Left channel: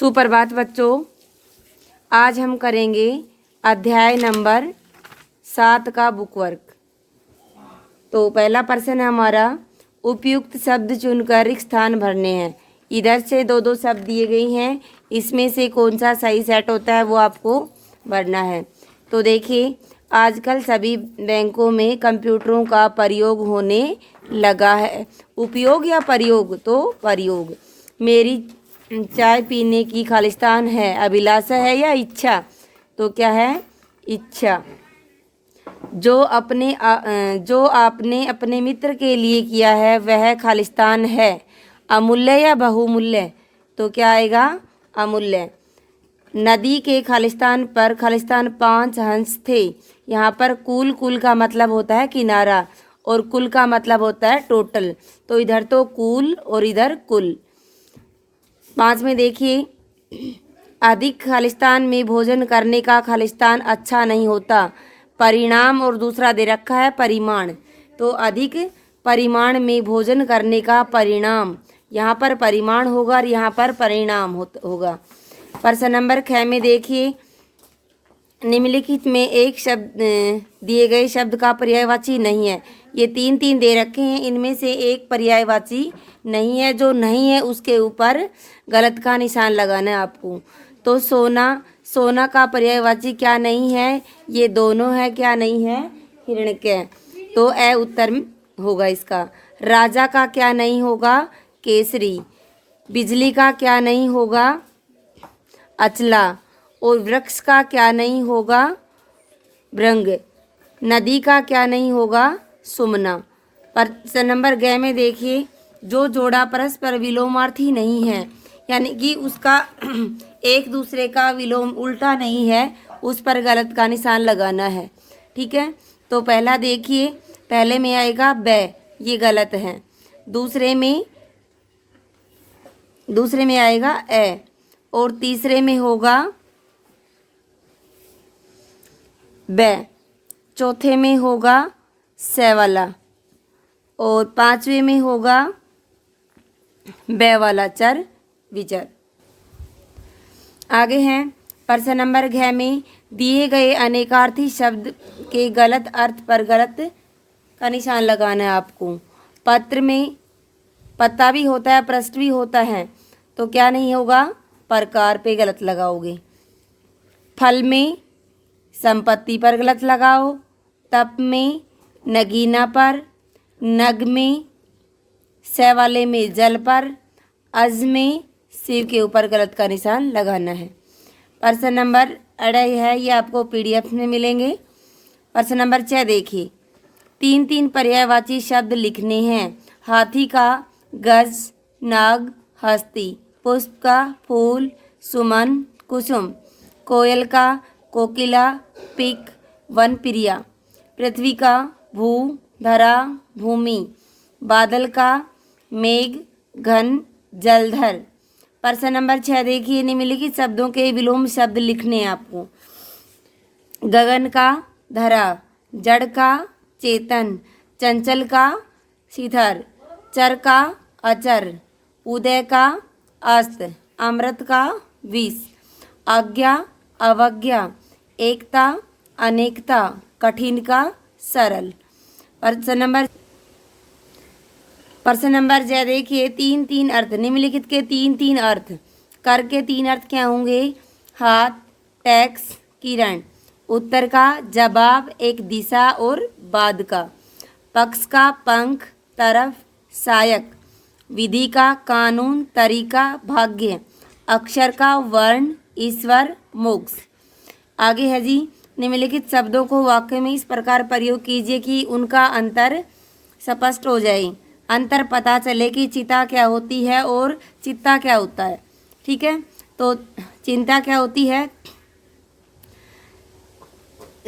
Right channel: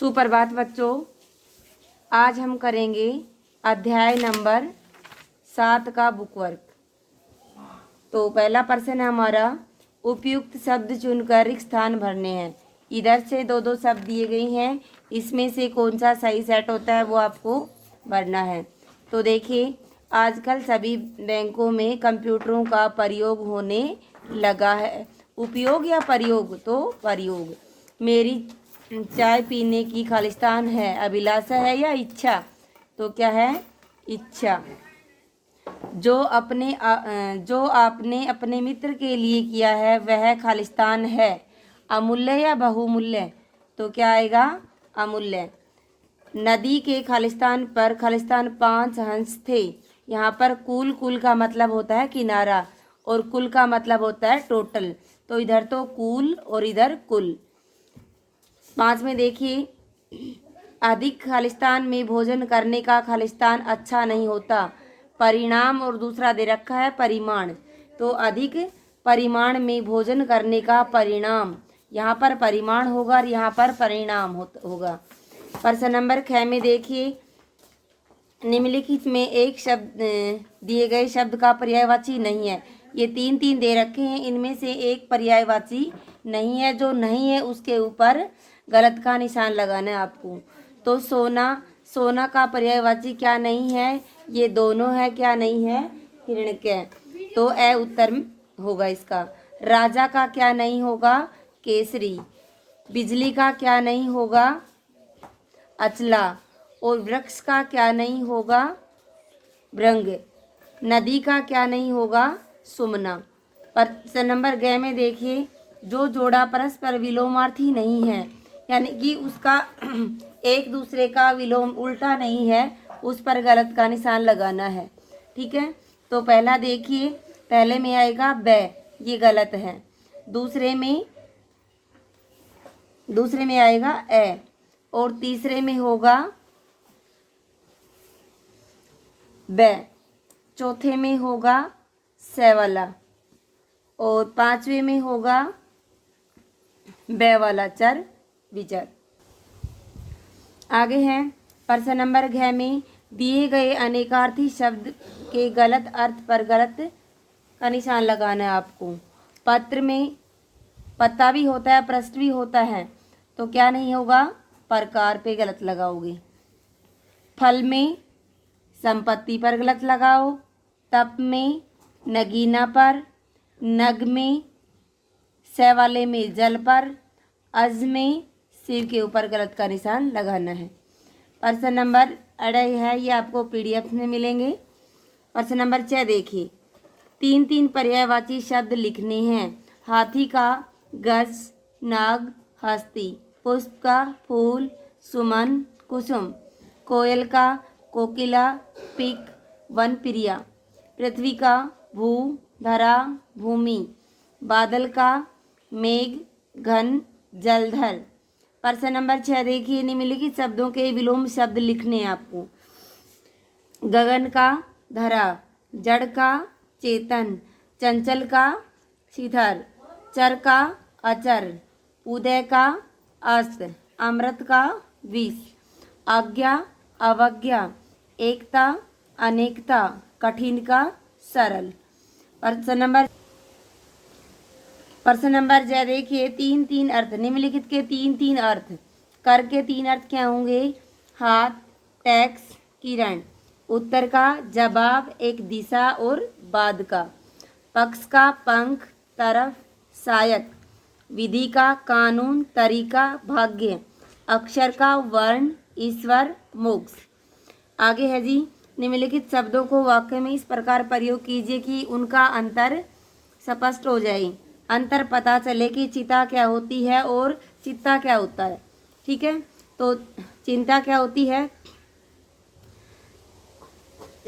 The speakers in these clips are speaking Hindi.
सुप्रभात बच्चों, आज हम करेंगे अध्याय नंबर 7 का बुक वर्क। तो पहला प्रश्न है हमारा, उपयुक्त शब्द चुनकर रिक्त स्थान भरने हैं। इधर से दो दो शब्द दिए गए हैं, इसमें से कौन सा सही सेट होता है वो आपको भरना है। तो देखिए, आजकल सभी बैंकों में कंप्यूटरों का प्रयोग होने लगा है। उपयोग या प्रयोग? तो प्रयोग। मेरी चाय पीने की खालिस्तान है, अभिलाषा है या इच्छा? तो क्या है? इच्छा। जो आपने अपने मित्र के लिए किया है वह खालिस्तान है, अमूल्य या बहुमूल्य? तो क्या आएगा? अमूल्य। नदी के खालिस्तान पर 5 हंस थे। यहाँ पर कुल का मतलब होता है किनारा और कुल का मतलब होता है टोटल। तो इधर तो कुल और इधर कुल। 5 में देखिए, अधिक खालिस्तान में भोजन करने का खालिस्तान अच्छा नहीं होता। परिणाम और दूसरा दे रखा है परिमाण। तो अधिक परिमाण में भोजन करने का परिणाम, यहाँ पर परिमाण होगा और यहाँ पर परिणाम होगा। प्रश्न नंबर 6 में देखिए, निम्नलिखित में एक शब्द दिए गए शब्द का पर्यायवाची नहीं है। ये 3 दे रखे हैं, इनमें से एक पर्यायवाची नहीं है। जो नहीं है उसके ऊपर गलत का निशान लगाना है आपको। तो सोना का पर्यायवाची क्या नहीं है? ये दोनों है। क्या नहीं है? हिरण्यक। तो ए उत्तर होगा इसका। राजा का क्या नहीं होगा? केसरी। बिजली का क्या नहीं होगा? अचला। और वृक्ष का क्या नहीं होगा? भृंग। नदी का क्या नहीं होगा? सुमना। प्रश्न नंबर 6 में देखिए, जो जोड़ा परस्पर विलोमार्थी नहीं है, यानी कि उसका एक दूसरे का विलोम उल्टा नहीं है, उस पर गलत का निशान लगाना है। ठीक है। तो पहला देखिए, पहले में आएगा ब, ये गलत है। दूसरे में आएगा ए, और तीसरे में होगा ब, चौथे में होगा से वाला, और 5वें में होगा ब वाला चर विचर। आगे हैं प्रश्न नंबर 6 में, दिए गए अनेकार्थी शब्द के गलत अर्थ पर गलत का निशान लगाना है आपको। पत्र में पत्ता भी होता है, पृष्ठ भी होता है, तो क्या नहीं होगा? प्रकार पे गलत लगाओगे। फल में संपत्ति पर गलत लगाओ। तप में नगीना पर। नग में से वाले में जल पर। अज में शिव के ऊपर गलत का निशान लगाना है। प्रश्न नंबर 2 है, ये आपको PDF में मिलेंगे। प्रश्न नंबर 6 देखिए, 3 पर्यायवाची शब्द लिखने हैं। हाथी का गज, नाग, हस्ती। पुष्प का फूल, सुमन, कुसुम। कोयल का कोकिला, पिक, वन प्रिया। पृथ्वी का भू, धरा, भूमि। बादल का मेघ, घन, जलधर। प्रश्न नंबर 6 देखिए, निम्नलिखित शब्दों के विलोम शब्द लिखने हैं आपको। गगन का धरा, जड़ का चेतन, चंचल का शिथिर, चर का अचर, उदय का अस्त, अमृत का विष। आज्ञा अवज्ञा, एकता अनेकता, कठिन का सरल। प्रश्न नंबर 6 देखिए, 3 अर्थ। निम्नलिखित के 3 अर्थ। कर के 3 अर्थ क्या होंगे? हाथ, टैक्स, किरण। उत्तर का जवाब, एक दिशा और बाद का। पक्ष का पंख, तरफ, सहायक। विधि का कानून, तरीका, भाग्य। अक्षर का वर्ण, ईश्वर, मोक्ष। आगे है जी, निम्नलिखित शब्दों को वाक्य में इस प्रकार प्रयोग कीजिए कि उनका अंतर स्पष्ट हो जाए। अंतर पता चले कि चिता क्या होती है और चित्ता क्या होता है। ठीक है। तो चिंता क्या होती है?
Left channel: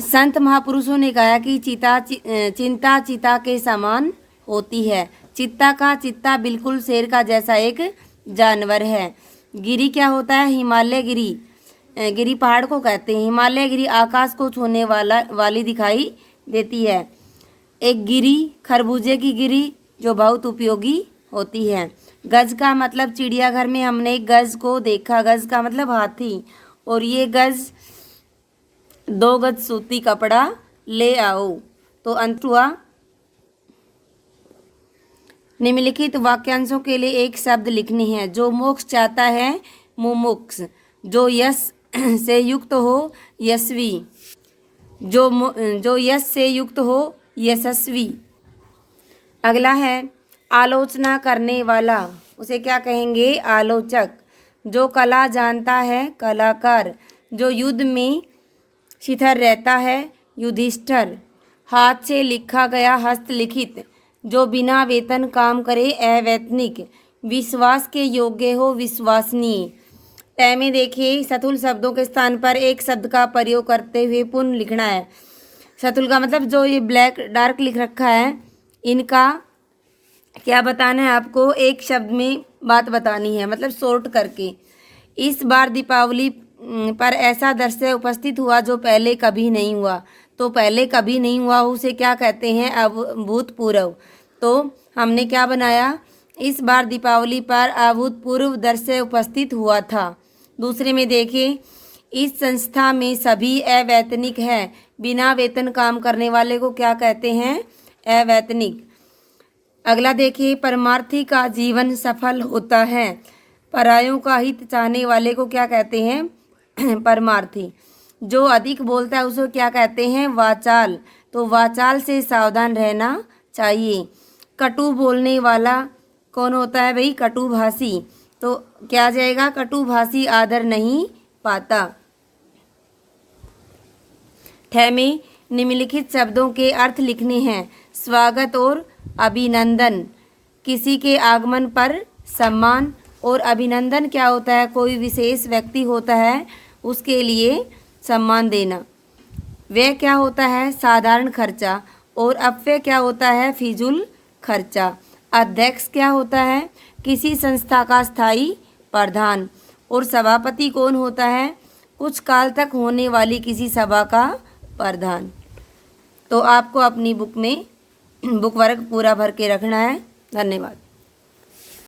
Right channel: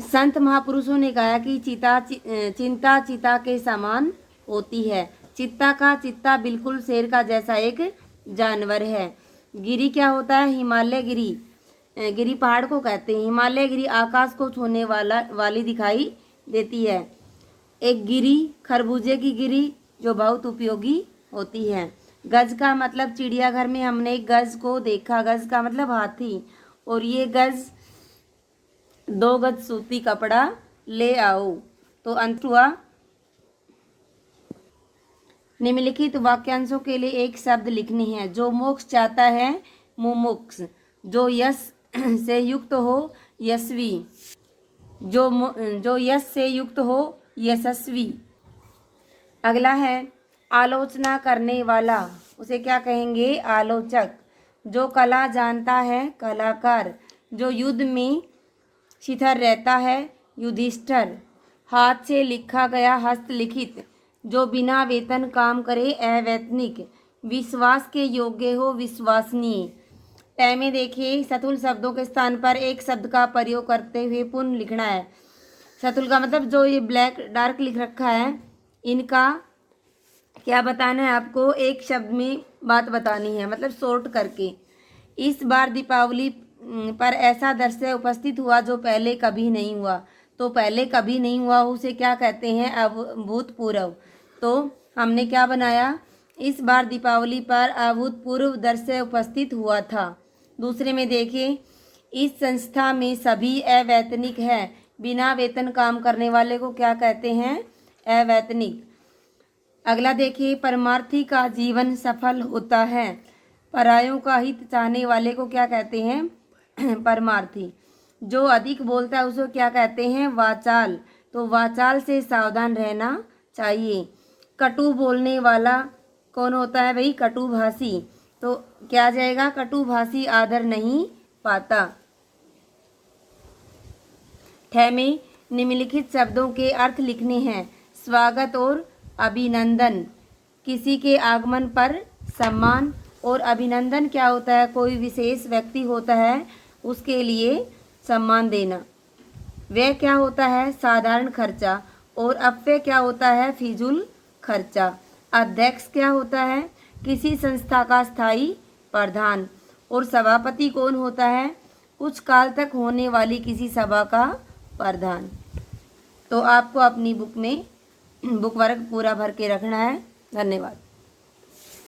संत महापुरुषों ने कहा कि चिंता चिता के समान होती है। चित्ता बिल्कुल शेर का जैसा एक जानवर है। गिरी क्या होता है? हिमालय गिरी पहाड़ को कहते हैं। हिमालय गिरी आकाश को छूने वाली दिखाई देती है। एक गिरी, खरबूजे की गिरी, जो बहुत उपयोगी होती है। गज का मतलब चिड़ियाघर में हमने गज को देखा, गज का मतलब हाथी, और ये गज 2 गज सूती कपड़ा ले आओ। तो अंत हुआ। निम्नलिखित वाक्यांशों के लिए एक शब्द लिखनी है। जो मोक्ष चाहता है मुमुक्ष, जो यश से युक्त हो यशवी, जो यश से युक्त हो यशस्वी। अगला है आलोचना करने वाला, उसे क्या कहेंगे? आलोचक। जो कला जानता है कलाकार, जो युद्ध में शिथिल रहता है युधिष्ठिर। हाथ से लिखा गया हस्तलिखित, जो बिना वेतन काम करे अवैतनिक। विश्वास के योग्य हो विश्वसनीय। तय में देखिए सतुल शब्दों के स्थान पर एक शब्द का प्रयोग करते हुए पुनः लिखना है। सतुल का मतलब जो ये ब्लैक डार्क लिख रखा है, इनका क्या बताना है आपको? एक शब्द में बात बतानी है, मतलब शॉर्ट करके। इस बार दीपावली पर ऐसा दृश्य उपस्थित हुआ जो पहले कभी नहीं हुआ। तो पहले कभी नहीं हुआ उसे क्या कहते हैं? अभूतपूर्व। तो हमने क्या बनाया? इस बार दीपावली पर अभूतपूर्व दृश्य उपस्थित हुआ था। दूसरे में देखिए, इस संस्था में सभी अवैतनिक है। बिना वेतन काम करने वाले को क्या कहते हैं? अवैतनिक। अगला देखिए, परमार्थी का जीवन सफल होता है। परायों का हित चाहने वाले को क्या कहते हैं? परमार्थी। जो अधिक बोलता है उसको क्या कहते हैं? वाचाल। तो वाचाल से सावधान रहना चाहिए। कटु बोलने वाला कौन होता है भाई? कटुभाषी। तो क्या आ जाएगा? कटुभाषी आदर नहीं पाता। ठ में निम्नलिखित शब्दों के अर्थ लिखने हैं। स्वागत और अभिनंदन, किसी के आगमन पर सम्मान। और अभिनंदन क्या होता है? कोई विशेष व्यक्ति होता है उसके लिए सम्मान देना। व्यय क्या होता है? साधारण खर्चा। और अपव्यय क्या होता है? फिजूल खर्चा। अध्यक्ष क्या होता है? किसी संस्था का स्थायी प्रधान। और सभापति कौन होता है? कुछ काल तक होने वाली किसी सभा का प्रधान। तो आपको अपनी बुक में बुक वर्क पूरा भर के रखना है। धन्यवाद।